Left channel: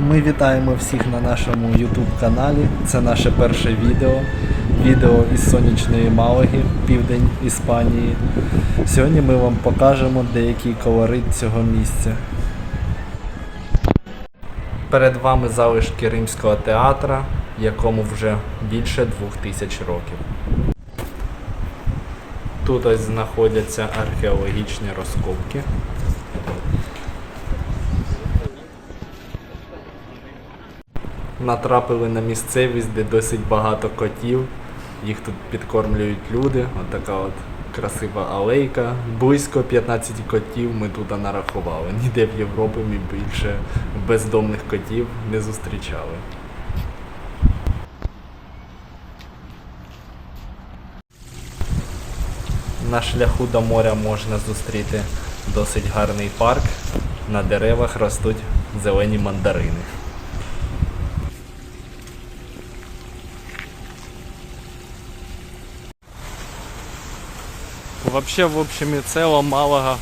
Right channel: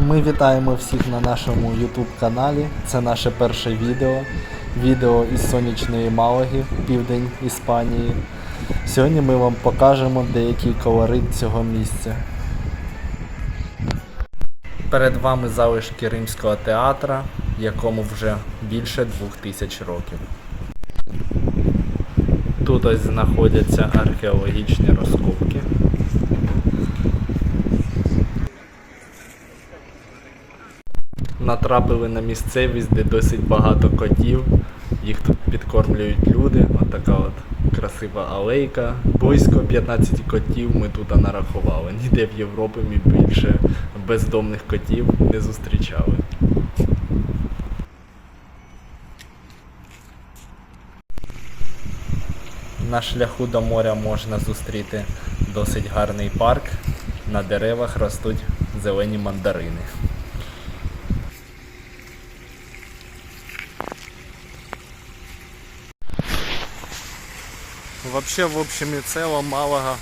Ми вітаємо всіх на нашому YouTube каналі. Це наше перше відео. Відео із сонячної Малаги, південь Іспанії. Сьогодні ми вам покажемо деякий колорит цього місця. Перед вами залишки римського театра, якому вже більше двох тисяч років. Тут ось знаходяться археологічні розкопки. Натрапили на місцевість, де досить багато котів. Їх тут підкормлюють люди. Отака от красива алейка. Близько 15 котів ми тут нарахували. Ніде в Європі ми більше бездомних котів не зустрічали. На шляху до моря можна зустріти досить гарний парк. На деревах ростуть зелені мандарини. Вообще, в общем і цілому Малага,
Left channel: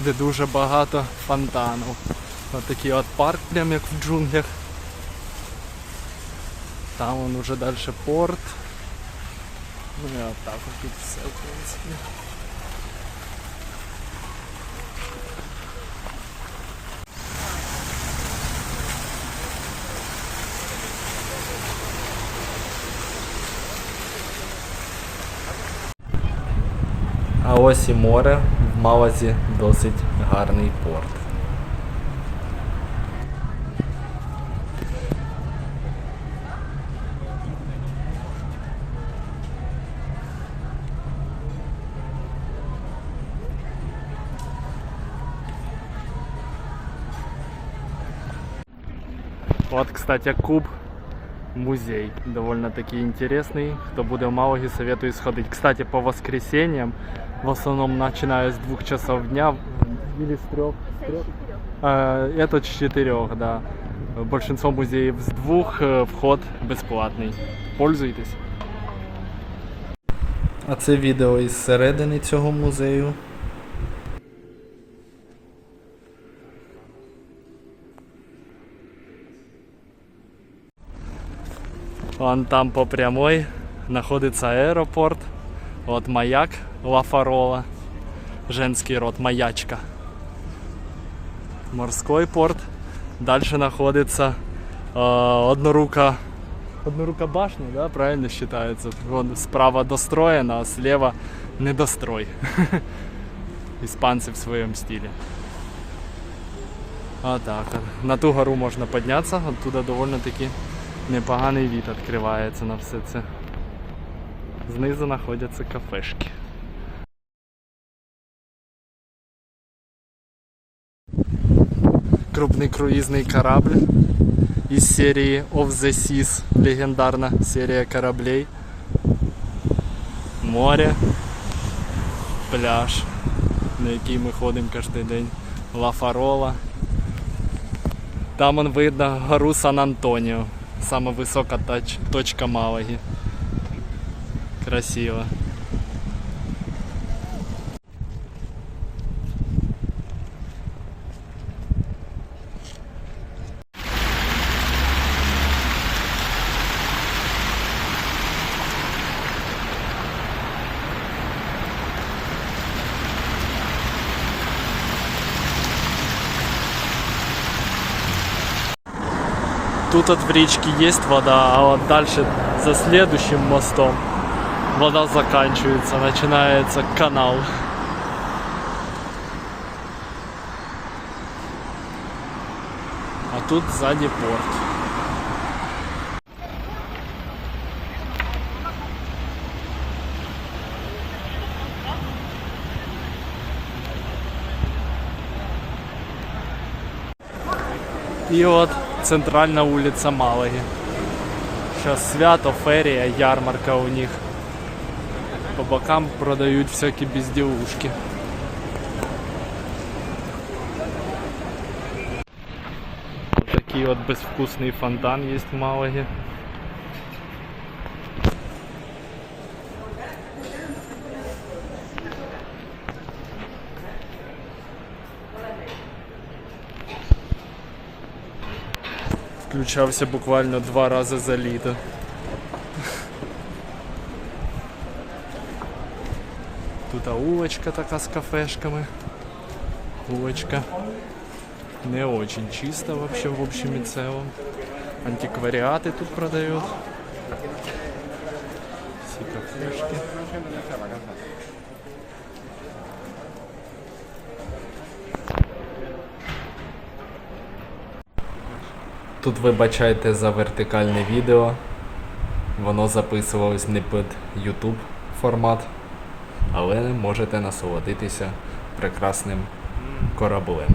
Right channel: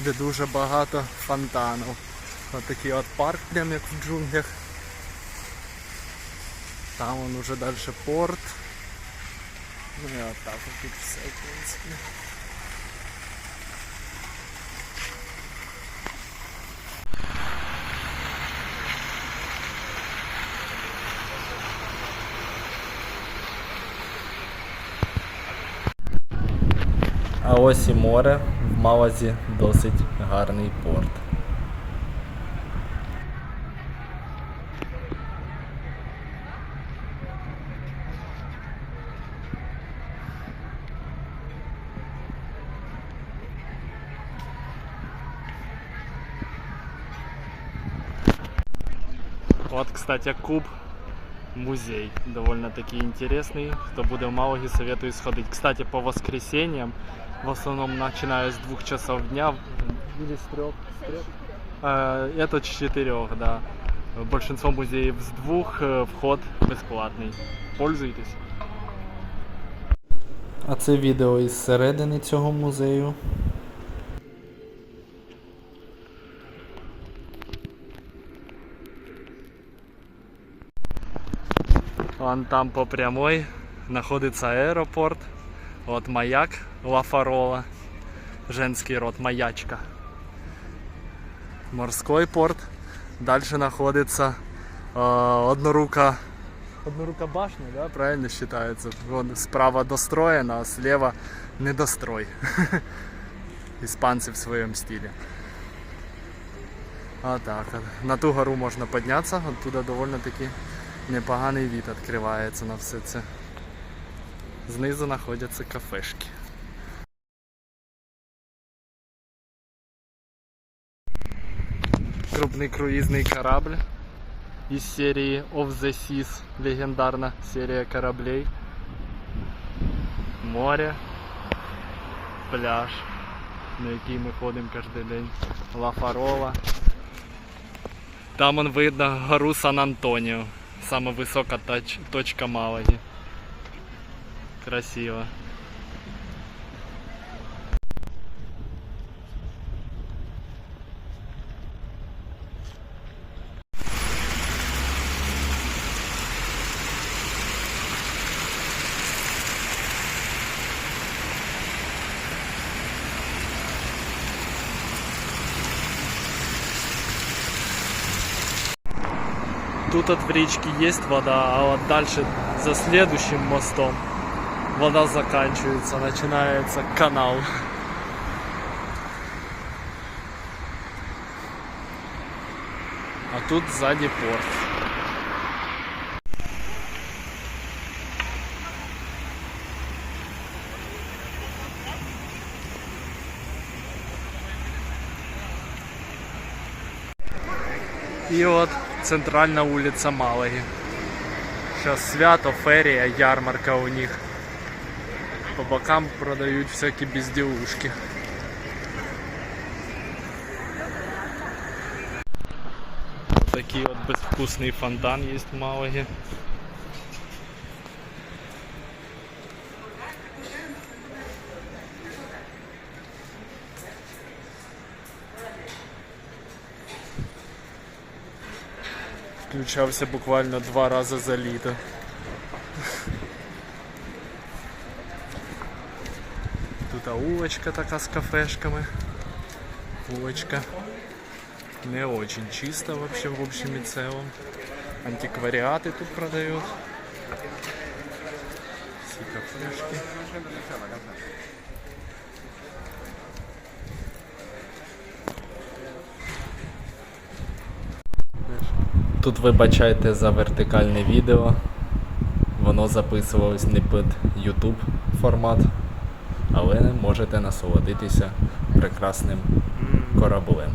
де дуже багато фонтанів. Ось такий от парк, прям як в джунглях. Там он уже далі порт. Ну і от так от тут все, в принципі. А ось і море в Малазі досить гарний порт. Вот, кстати, куб музей. Довольно-таки интересный. Кто будет в Малаге, советую сходить. Кстати, по воскресеньям, в основном начиная с двух часов дня или с трех. С трех? Э, Это с четырех, да. Большинство музеев с двух, э, вход безплатний. Пользуйтесь. А це відео із середини цього музею. Вон там по прямой находится аэропорт. Вот маяк Лафарола. Женский род маячка. Морской порт. Дальше находится э, однорука. Однорука башня, да, правильно считается? Вон справа достроена, а слева недострой. Испанцы в своем стиле. А так, на ту гору можна піднятися, оттуда довольно-таки непоганий від відкривається на все це. Знизу знаходяться кафешки. Крупний круїзний корабль із серії Of the Seas, легендарна серія кораблей. Море, пляж, на який ми ходимо кожен день. Лафарола. Там он видно гору Сан-Антоніо. Сама висока точка Малаги. Красиво. Тут от в речке есть вода, а вот дальше за следующим мостом вода заканчивается, начинается канал. А тут сзади порт. І от центральна вулиця Малаги. Зараз свято, ферія, ярмарка у них. По бокам продають всякі безділушки. Такий от безвкусний фонтан є в Малагі. Відключався буквально два рази за літо. Улочка така з кафешками. Улочка не очень чисто вообще в общем и целом. Антиквариаты тут продают. Все кафешки. Тут вибачайте за вертикальне відео. Воно записувалось не під YouTube формат, але можете насолодитися прекрасним кораблем.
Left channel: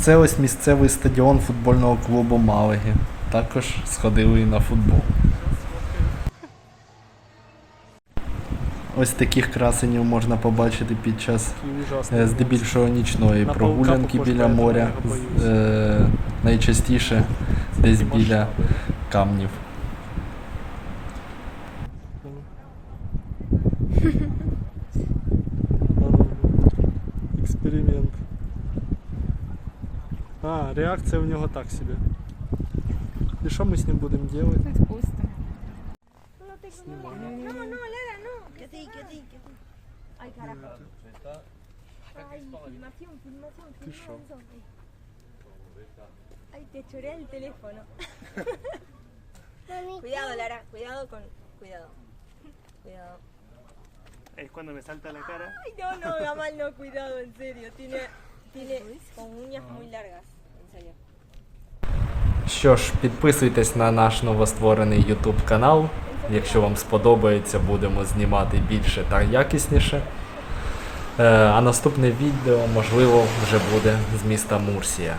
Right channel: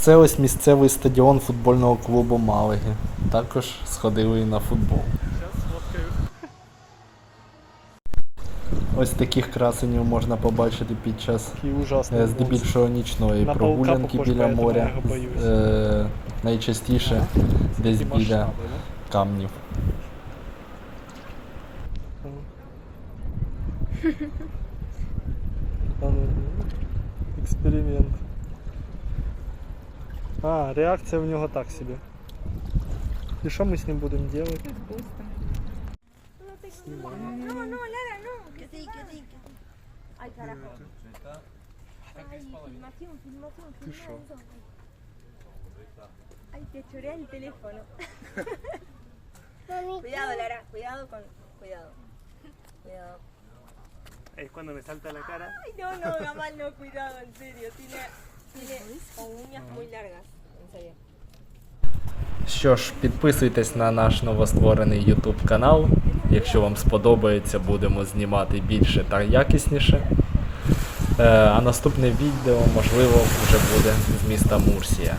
Це ось місцевий стадіон футбольного клубу Малаги. Також сходили і на футбол. Ось таких красенів можна побачити під час е, здебільшого нічної На прогулянки похож, біля моря. Е, найчастіше десь біля камнів. Експеримент. А, реакція у нього так собі. І що ми з ним будемо робити? No, que sí, que sí. Ay, carajo. Ay, filmación, filmación, filmación. Ay, te choré el teléfono. cuidado, Lara, cuidado con... Cuidado. Cuidado. Es cuando me salta la cara. Ay, no, no, Gamal, no, cuidado, en serio. Tiene, tiene con uñas muy largas, en serio. Що ж, підписуйтесь на наш новостворений YouTube канал. Якщо вам сподобається, будемо знімати більше та якісніше. Е, а наступне відео, можливо, вже буде з міста Мурсія.